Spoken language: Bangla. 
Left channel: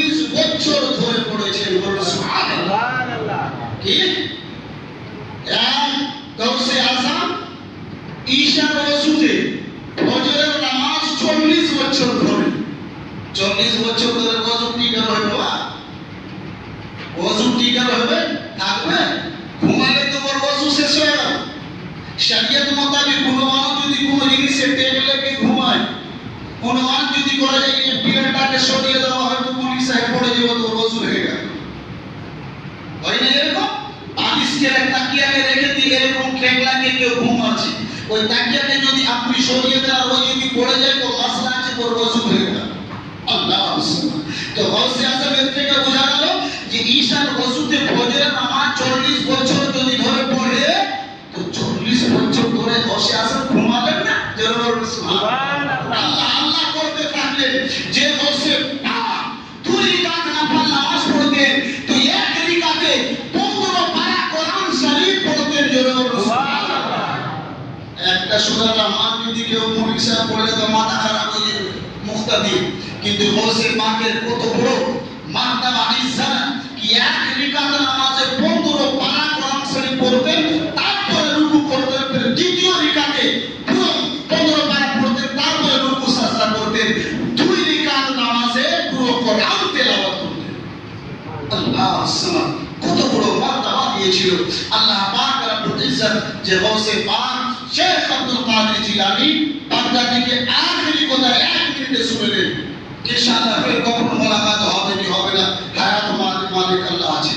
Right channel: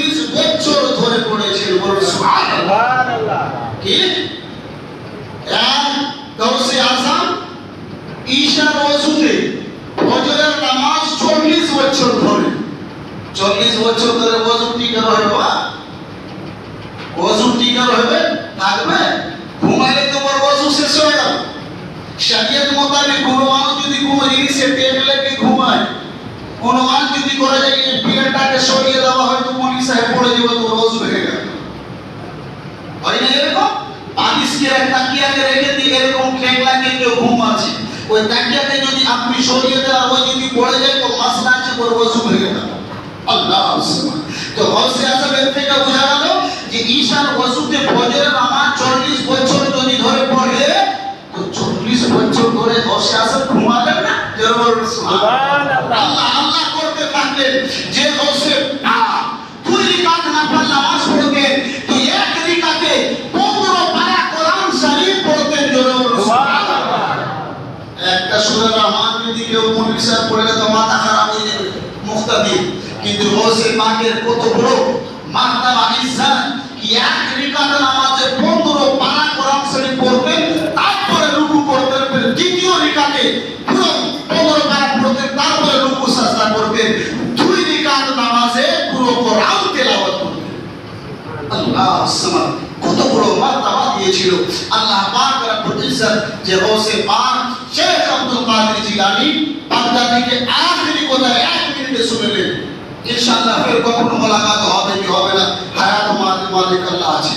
40 বছর ধরে পড়েছেন। বলুন সুবহানাল্লাহ। কি গাউসে আজম ঈশার ওযুতে ফজরের নামাজ 40 বছর ধরে, 40 বছর ধরে ওযু টিকা রহে বাবা, ওযু টিকা রহে থাকবে। ঘুমাইলে তোমার ওযু শেষ হয়ে গেল। শরীয়ত মোতাবেক কোনো মানুষ যদি কোনো জিনিসে টেক লেগে ঘুমায়, কোনো মানুষ যদি করা যায় এই পিলারটাকে সরিয়ে দেওয়া হয় তো মৌলভী সাহেব পড়ে যাবে, তো ওযু হয়ে গেল। হয় না এরকম? বালিশকে তাকিয়াকে রেখে দিয়ে এরকম টেক লাগিয়ে কেউ ঘুমাচ্ছে, ওই তাকিয়াকে যদি আপনি সরিয়ে দেন আর ওই যদি পড়ে যায় তো মাসলা আছে, ওর ওযু হয়ে গেল। আল্লাহু সুবহান। তো গাউসে আজম এর থেকে বোঝা গেল যে ঈশার ওযুতে ফজরের নামাজ 40 বছর যদি ধরে পড়ে তো 40 বছর ধরে গাউসে আজম ঘুমালেন না? জোরে সুবহানাল্লাহ। আল্লাহ আল্লাহ করতে থাকলেন। যে গাউসে 2 রাকাত নফল নামাজ পড়তেন তো এক রাকাতে 15 পারা কোরআন শরীফ পড়তেন। জোরে সুবহানাল্লাহ। একটা সূরা রহমান যদি কেউ মৌলভী সাহেব পড়ে তো মাথা খারাপ হয়ে যাবে, মুক্তাদি। কিন্তু গাউসে পাকের কত বড় মার্তবা ইজ্জত কি এক রাকাত নামাজে 15 পারা কোরআন শরীফ পড়তেন, তারপরে রুকু করতেন, ফির দ্বিতীয় রাকাতে পুরো 15 পারা পড়তেন, তারপরে রুকু সাজদা করতেন। 2 রাকাত নামাজে পুরো কোরআন তেলাওয়াত করতেন। আল্লাহ সুবহান, কত বড় মার্তবা দিয়েছিল আল্লাহ পাক রব্বুল ইজ্জত। যে গাউসে পাক শেখ আব্দুল কাদের জিলানী বাগদাদীকে আখেরি কথা 1 মিনিটে শুনে নেন। ইনশাআল্লাহ ফির কখনো মোলাকাত হবে কি হবে না, হায়াত মালিক আল্লাহ আছে।